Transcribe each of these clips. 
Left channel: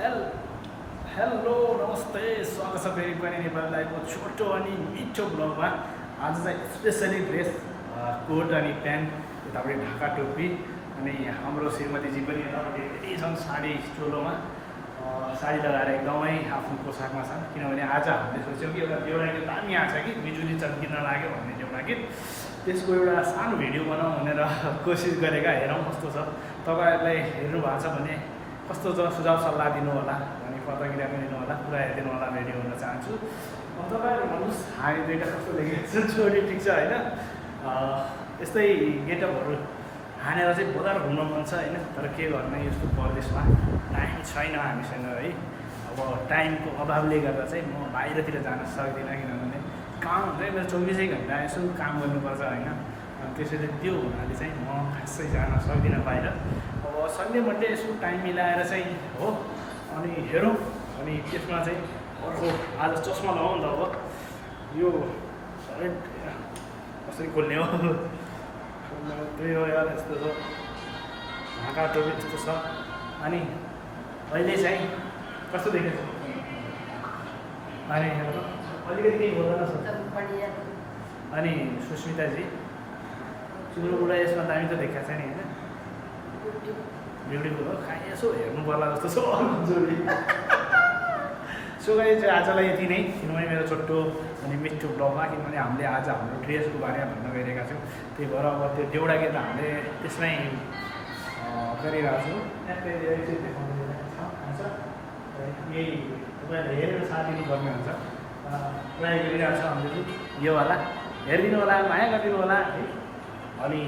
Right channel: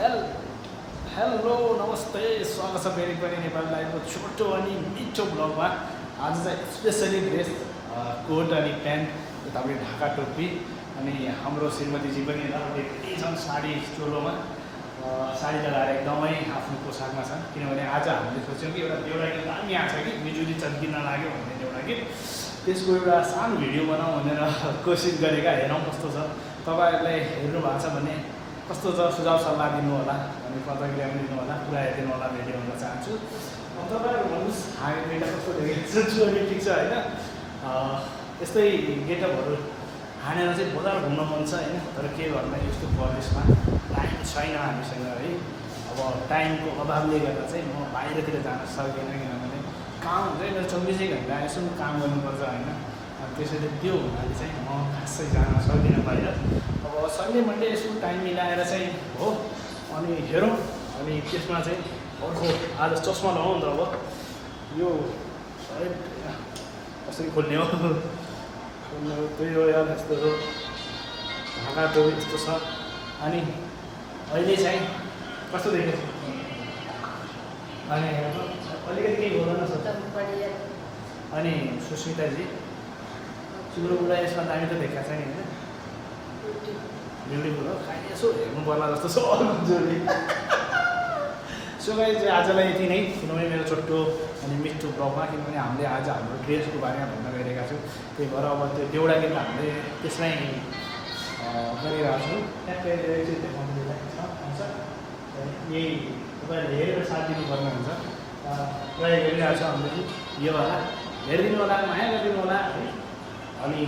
Hell hello नमस्ते, स्वागत छ फेरि पनि नेपाली लाइभको छोटो अनि मिठो ब्लगमा। आज चाहिँ स्पेसली ड्रेस कोट अनि प्यान्ट, यतापट्टि ढाका टोपी अनि हाम्रो श्रीमतीजी पनि यतापट्टि रेडी छन् साडी चोलोमा। साडी लगाएर एकदमै आफ्नो पोसाकमा छन्, किनभने आज हामीले सोच्यौँ कि एउटा देउडा गीत दामी आएको छ कि बिजुली चम्किन लाग्यो भन्ने देउडा गीत, त्यसको एउटा सानो भिडियो बनाऊ भनेर कोसिस गरेका। हेरौँ कस्तो छ, तपाईँहरूलाई हेर्नु भएको छ भने कस्तो छ सुझाव सल्लाह दिनु होला, भने प्रतिक्रिया पनि दिनु होला, कुरा हेरिदिनु होला भिडियो भन्न चाहन्छु। तपाईँहरू भन्नुहोस् हामी दुईवटा कस्तो देखिन्छ, छोरी ठिक छ होइन? यस्तै गेटअपहरू हानेर चाहिँ बजार घुम्न मन छ होइन, तर के गर्नु यस्तो परदेशमा टाइम छैन हामीसँग है। अब टाइमको अभावले गर्दा चाहिँ म बाहिरतिर जान सक्दिनँ, किनभने काम हुन्छ मेरो 24 घन्टा यसो काम गर्नुपर्छ होइन। त्यसैले त्यो हुनाले चाहिँ म खासै जान सक्दिनँ बाहिर। अब सन्डे मन्डे यसो टाइम मिलाएर चाहिँ हो, अनि हेरौँ। अनि त्यसमा चाहिँ अर्को आज चस्मा लगाउँ नि त। अब यो कसरी खोल्ने हो, त्यही हो यार, यस्तो हो ढाका टोपी यस्तो छ। अनि अहिले चाहिँ कस्तो देखेको छु, अनि अलिकति केही बोल्न सक्छ। अनि सुस्मिताजी तिम्रो कुरा यसमा दामी त देखाएको छ नि होइन, ब्युटिफुल हो, खाइ यसो हेर्नु पर्ला जस्तो छ जोडी। सो गाइस चाहिँ आजलाई यति नै, किनभने मेरो छोटो अनि मिठो ब्लगमा, किनभने हामीले आज हाम्रो ड्रेसको बारेमा भन्न गइरहेका छौँ। त्यही भएर अब त्यो देउडा गीत हामीले त्यसमै गरिरहेको छौँ। ट्याक्कै हुन्छ यही तपाईँहरूले हेरेर साथ दिनुपर्ने हुन्छ। प्रायः हेरिरहेको छ हामीले योवाला, हेरिदिनु होला, माया गरिदिनु होला है। अनि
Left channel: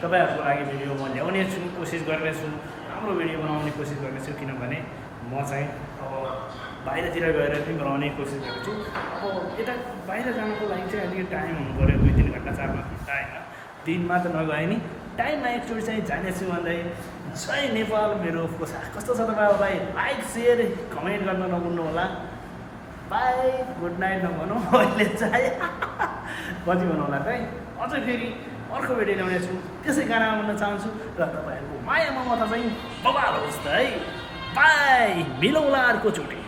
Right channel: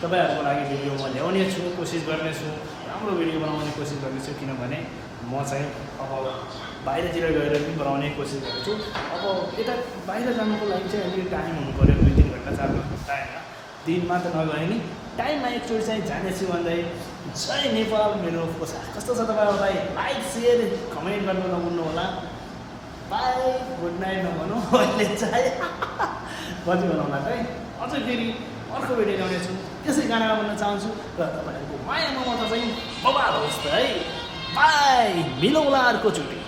तपाईँहरूको लागि भिडियो म ल्याउने छु, कोसिस गर्नेछु, राम्रो भिडियो बनाउने कोसिस गर्नेछु, किनभने म चाहिँ अब बाहिरतिर गएर पनि बनाउने कोसिस गर्छु। अब यता बाहिर जानुको लागि चाहिँ अलिकति टाइम हुनु पऱ्यो, 2-3 घन्टा 4 घन्टा होइन, दिनमा त नगए नि टाइममा एकचोटि चाहिँ जानेछु भन्दै। जय नेपाल। मेरो पोसाक कस्तो छ तपाईँहरूलाई लाइक सेयर कमेन्ट गर्न नभुल्नु होला। बाई, गुड नाइट नभनौँ अहिले चाहिँ कति बनाउला त है। अझै फेरि अर्को भिडियो ल्याउने छु, त्यसै गानामा भन्न चाहन्छु र तपाईँहरूको माया ममता चाहिँ बबाल होस् त है। बाई, मिलौँला अर्कोचोटि।